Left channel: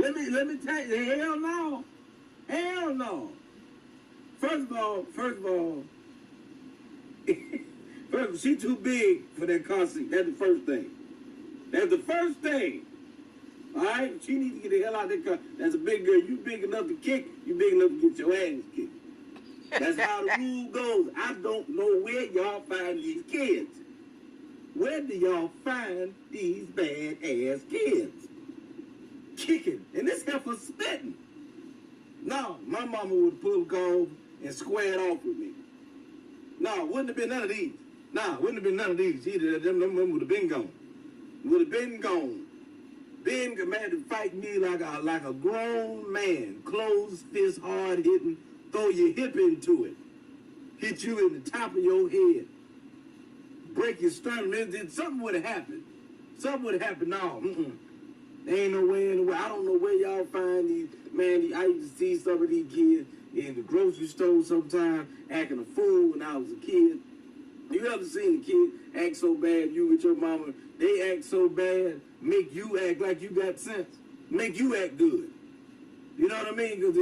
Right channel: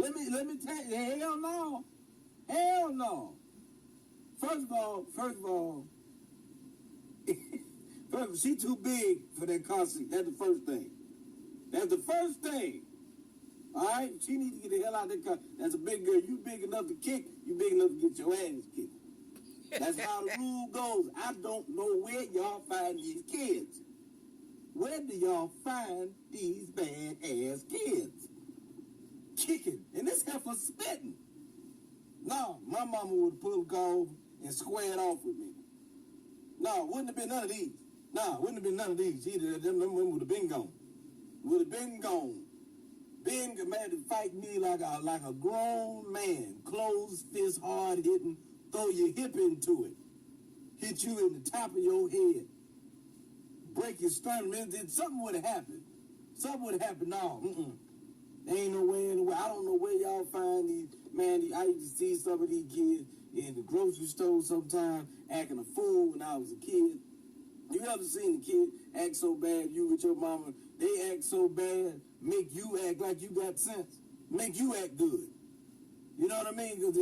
Let me tell you, hell no. Hell no. First of all, she too big for that car seat. That's the first thing. That's the first thing. All right? She needs to get the hell out of that car. That's a big girl. You big enough to kick, you big enough to get your ass kicked. That's how the rule goes. I don't know where y'all find these kids. Where do y'all find these bad-ass kids? Kicking. And this heifer spitting. No, my mama would pull the car over and square it off with me. No, wouldn't have been none of these. Nah, wouldn't have been none of these either. Them would have been gone. Would have been gone. Been commanded to fight me like a grown man. Closed fist, hard hitting, throw your hip into it. Hit you in the top of your head. Break your sternum. Something would have happened. Something would have happened. No, There ain't no way in the way. I don't know where y'all find these. Man, I used to see some of these kids in the grocery store sometimes acting a fool when I was a kid. You ever seen a kid act so bad, you with your mama, they act so bad, make you act like you got sense, make you act good. You know what I mean? Because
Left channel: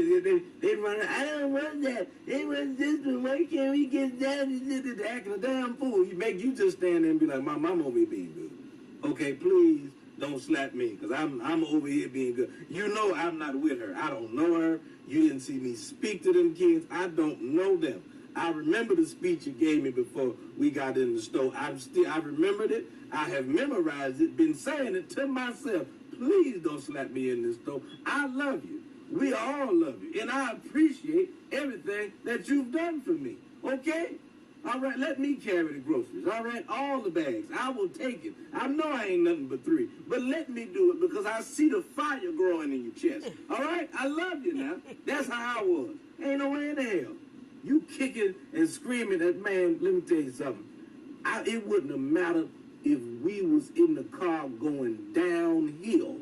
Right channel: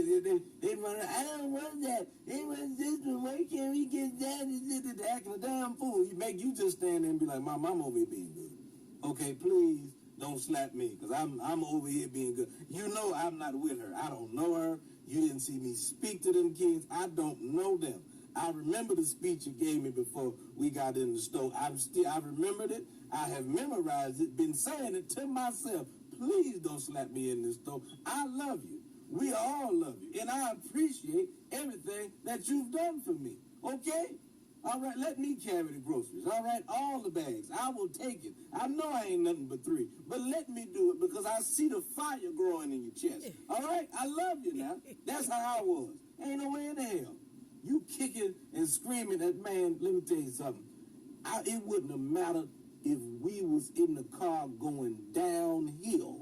they run, I don't want that. They want this one. Why can't we get that? They're acting a damn fool. You make you just stand there and be like, Mom, I'm over here being good. Okay, please don't slap me because I'm over here being good. You know I'm not with her. I don't know her. You didn't see me speak to them kids. I don't know them. I remember the speech you gave me before we got in the store. I remembered it. I have memorized it, been saying it to myself. Please don't slap me in this store. I love you. We all love you. And I appreciate everything that you've done for me. Okay? All right, let me carry the groceries. All right, all the bags. I will take it. I know I ain't nothing but 3. But let me do it because I see the fire growing in your chest. All right? I love you now. That's how I was. Ain't no way in the hell. You kicking and screaming at, man, let me tell you something. It wouldn't have mattered if we was in the car going downhill.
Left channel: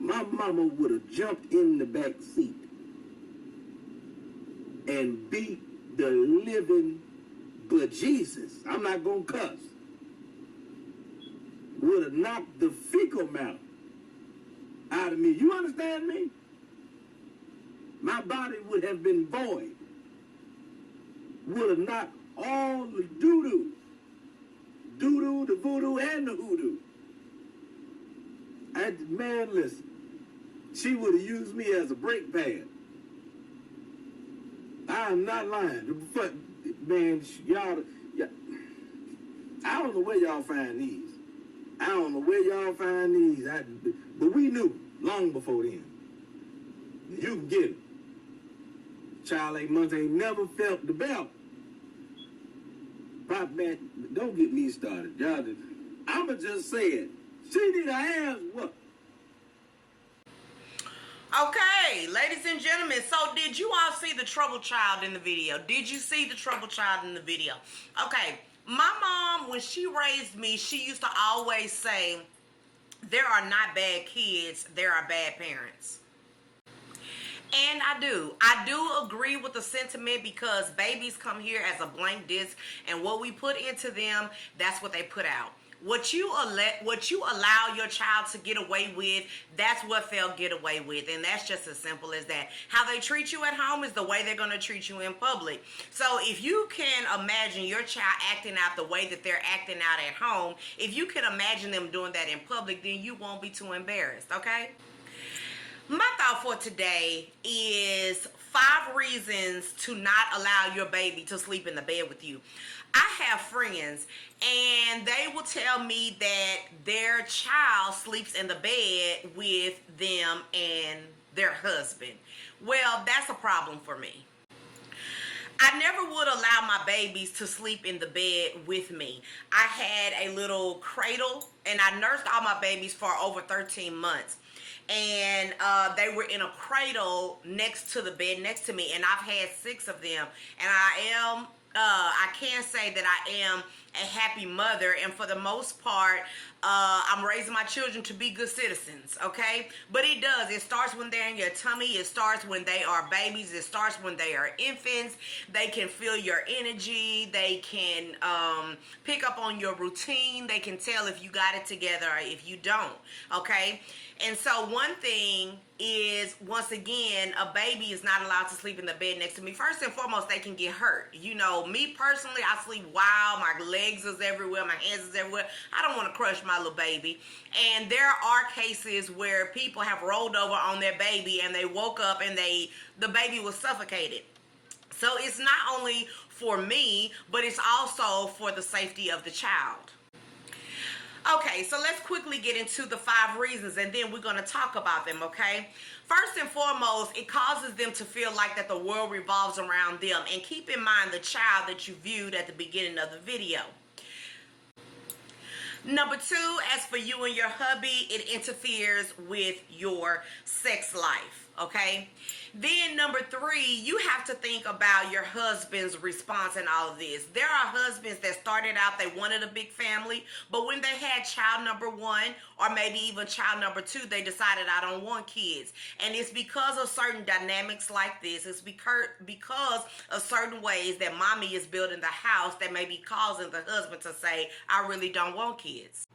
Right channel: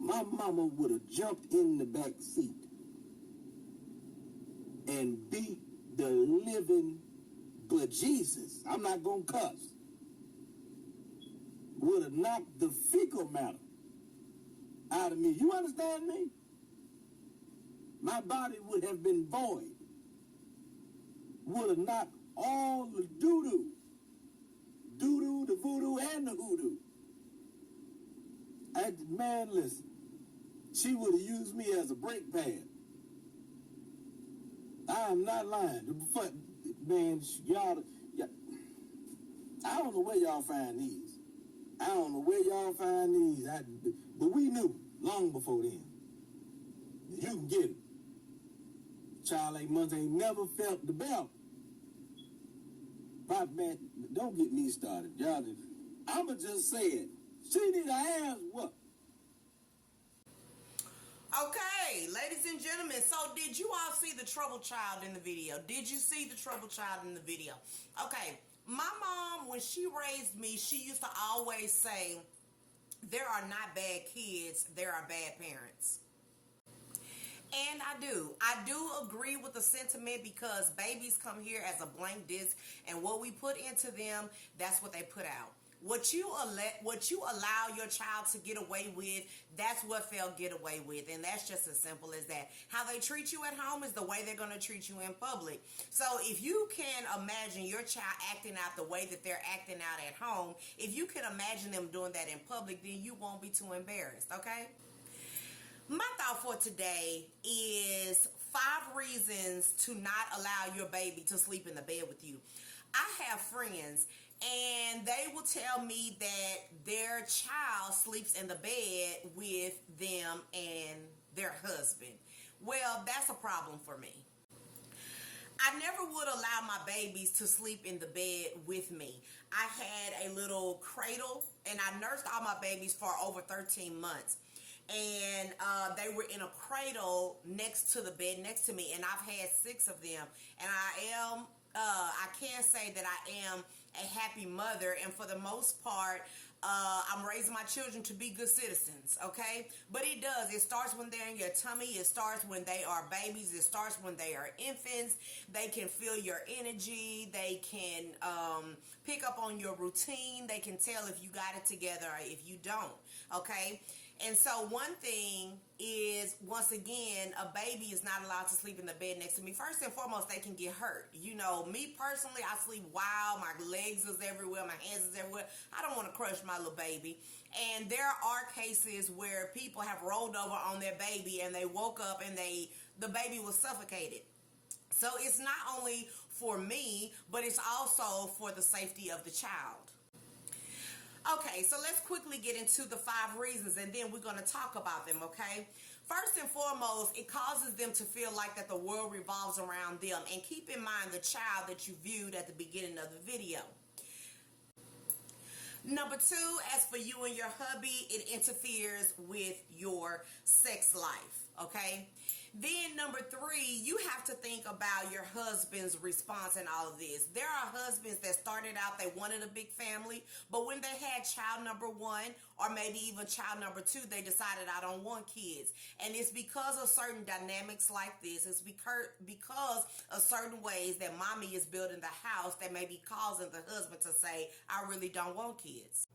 My mama would have jumped in the back seat and beat the living bejesus. I'm not going to cuss. Would have knocked the fecal matter out of me. You understand me? My body would have been void. Would have knocked all the doo-doo. Doo-doo, the voodoo, and the hoodoo. Man, listen. She would have used me as a brake pad. I am not lying. But, man, y'all, I don't know where y'all find these. I don't know where y'all find these. But we knew long before then. You can get it. Child 8 months ain't never felt the belt. Pop, man, don't get me started. Y'all, I'ma just say it. She need her ass whooped. Okay, ladies and gentlemen, so did you all see the troubled child in the video? Did you see the troubled child in the video? Okay, my mom, when she raised me, she used to always say, there are not bad kids, there are bad parents. And I do agree with the sentiment because babies come here as a blank disc, and what we put into them, that's what they put out. What you allow your child to get away with, that's what they'll get away with. And that's just as simple as that. How they treat you at home is the way they're going to treat you in public. So if you can imagine your child acting out the way that they're acting out at home, if you can imagine them doing that in public, then you won't be too embarrassed, okay? My thought for today is 5 reasons to not allow your baby to sleep in the bed with you. I have friends and they will tell me that their child sleeps in the bed with them and their husband. Well, that's a problem for me. I never would allow my babies to sleep in the bed with me. I had a little cradle and I nursed all my babies for over 13 months. And they were in a cradle next to the bed next to me, and I've had 6 of them, and I can say that I am a happy mother, and for the most part I'm raising my children to be good citizens, okay? But it starts when they're in your tummy. It starts when they are babies. It starts when they are infants. They can feel your energy. They can pick up on your routine. They can tell if you got it together or if you don't, okay? And so one thing is, once again, a baby is not allowed to sleep in the bed next to me. First and foremost, they can get hurt. You know, me personally, I sleep wild. My legs is everywhere. My hands is everywhere. I don't want to crush my little baby. And there are cases where people have rolled over on their baby and they woke up and the baby was suffocated. So it's not only for me, but it's also for the safety of the child. Okay, so let's quickly get into the 5 reasons and then we're going to talk about them, okay? First and foremost, it causes them to feel like that the world revolves around them. And keep in mind the child that you viewed at the beginning of the video. Number 2, as for you and your hubby, it interferes with your sex life, okay? Then number 3, you have to think about your husband's response in all of this. There are husbands that started out, they wanted a big family, but when they had child number 1 or maybe even child number 2, they decided, I don't want kids. And it's because of certain dynamics like this. It's because of certain ways that mommy is building the house that may be causing the husband to say, I really don't want kids.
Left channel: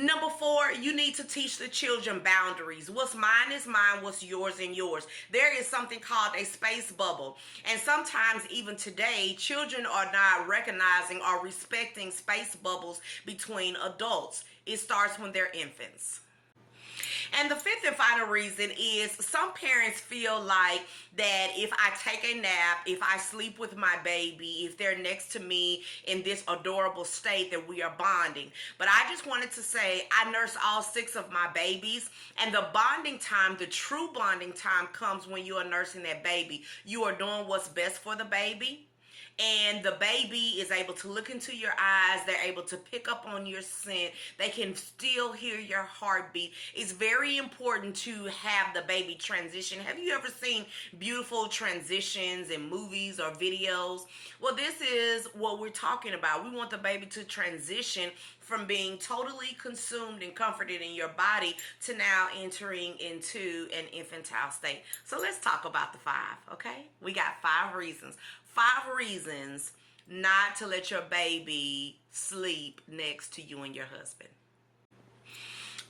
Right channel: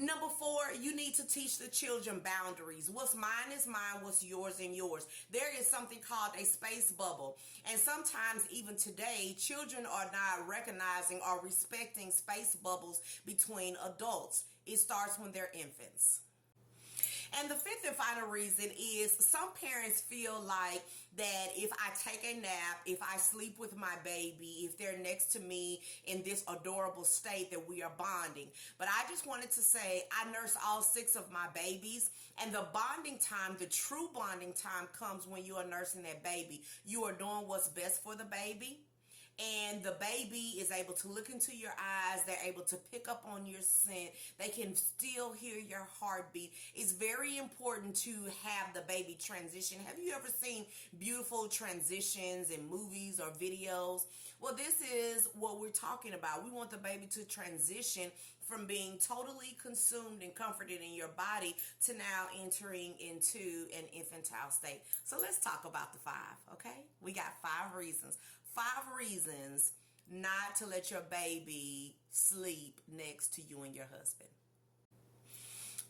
Number 4, you need to teach the children boundaries. What's mine is mine, what's yours and yours. There is something called a space bubble. And sometimes even today, children are not recognizing or respecting space bubbles between adults. It starts when they're infants. And the 5th and final reason is some parents feel like that if I take a nap, if I sleep with my baby, if they're next to me in this adorable state, that we are bonding. But I just wanted to say I nurse all 6 of my babies, and the bonding time, the true bonding time, comes when you are nursing that baby. You are doing what's best for the baby. And the baby is able to look into your eyes. They're able to pick up on your scent. They can still hear your heartbeat. It's very important to have the baby transition. Have you ever seen beautiful transitions in movies or videos? Well, this is what we're talking about. We want the baby to transition from being totally consumed and comforted in your body to now entering into an infantile state. So let's talk about the 5, okay? We got 5 reasons. 5 reasons not to let your baby sleep next to you and your husband.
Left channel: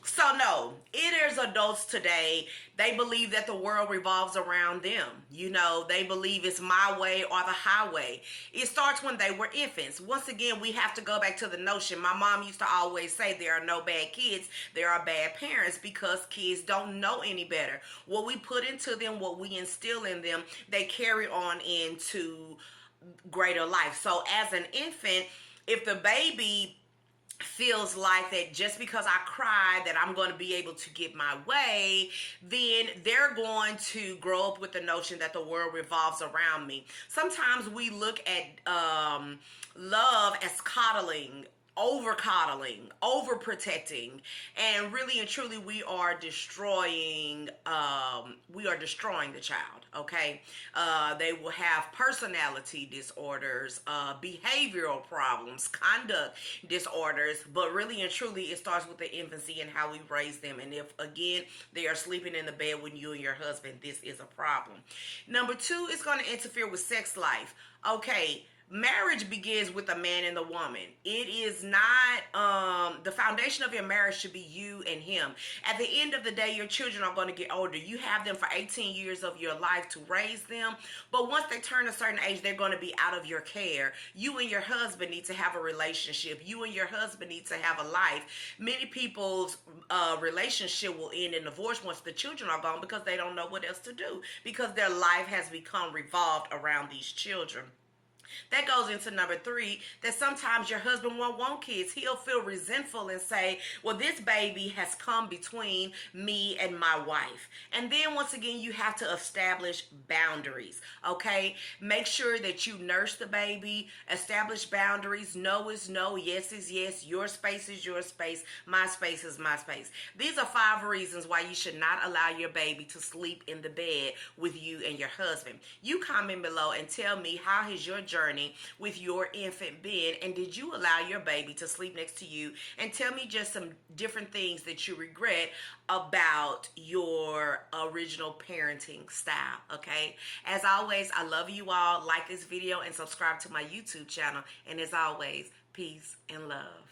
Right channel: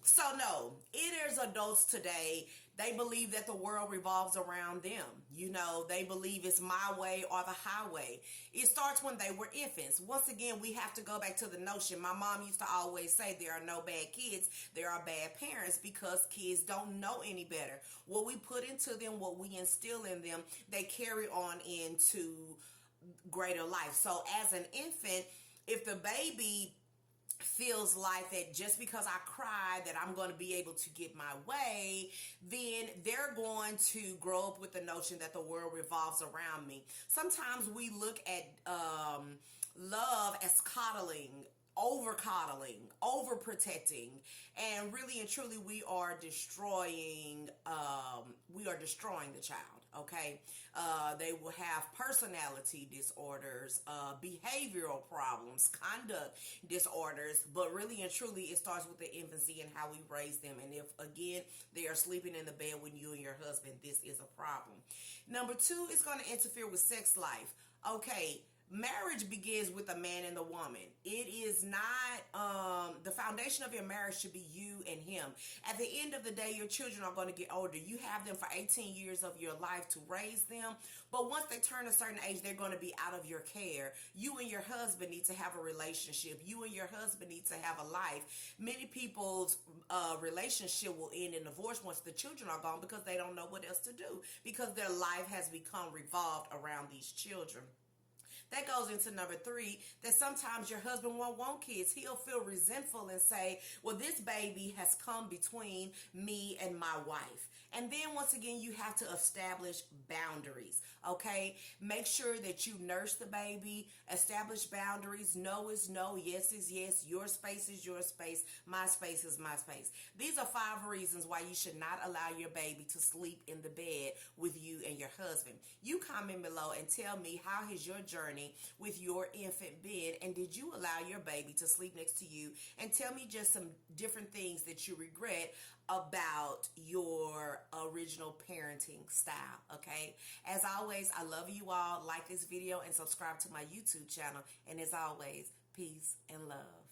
So no, it is adults today, they believe that the world revolves around them. You know, they believe it's my way or the highway. It starts when they were infants. Once again, we have to go back to the notion. My mom used to always say there are no bad kids, there are bad parents, because kids don't know any better. What we put into them, what we instill in them, they carry on into greater life. So as an infant, if the baby feels like that just because I cry that I'm going to be able to get my way, then they're going to grow up with the notion that the world revolves around me. Sometimes we look at love as coddling, over coddling, over protecting, and really and truly we are destroying the child, okay? They will have personality disorders, behavioral problems, conduct disorders, but really and truly it starts with the infancy and how we raise them. And if again they are sleeping in the bed with you and your husband, this is a problem. Number 2 is going to interfere with sex life. Okay, marriage begins with a man and the woman. It is not, the foundation of your marriage should be you and him. At the end of the day, your children are going to get older. You have them for 18 years of your life to raise them. But once they turn a certain age, they're going to be out of your care. You and your husband need to have a relationship. You and your husband need to have a life. Many people's relationship will end in divorce once the children are gone because they don't know what else to do, because their life has become revolved around these children. That goes into number 3, that sometimes your husband won't want kids. He'll feel resentful and say, well, this baby has come between me and my wife. And then once again, you have to establish boundaries, okay? Make sure that you nurse the baby, establish boundaries. No is no, yes is yes, your space is your space, my space is my space. These are 5 reasons why you should not allow your baby to sleep in the bed with you and your husband. You comment below and tell me, how has your journey with your infant been, and did you allow your baby to sleep next to you? And tell me just some different things that you regret about your original parenting style, okay? As always, I love you all. Like this video and subscribe to my YouTube channel. And as always, peace and love.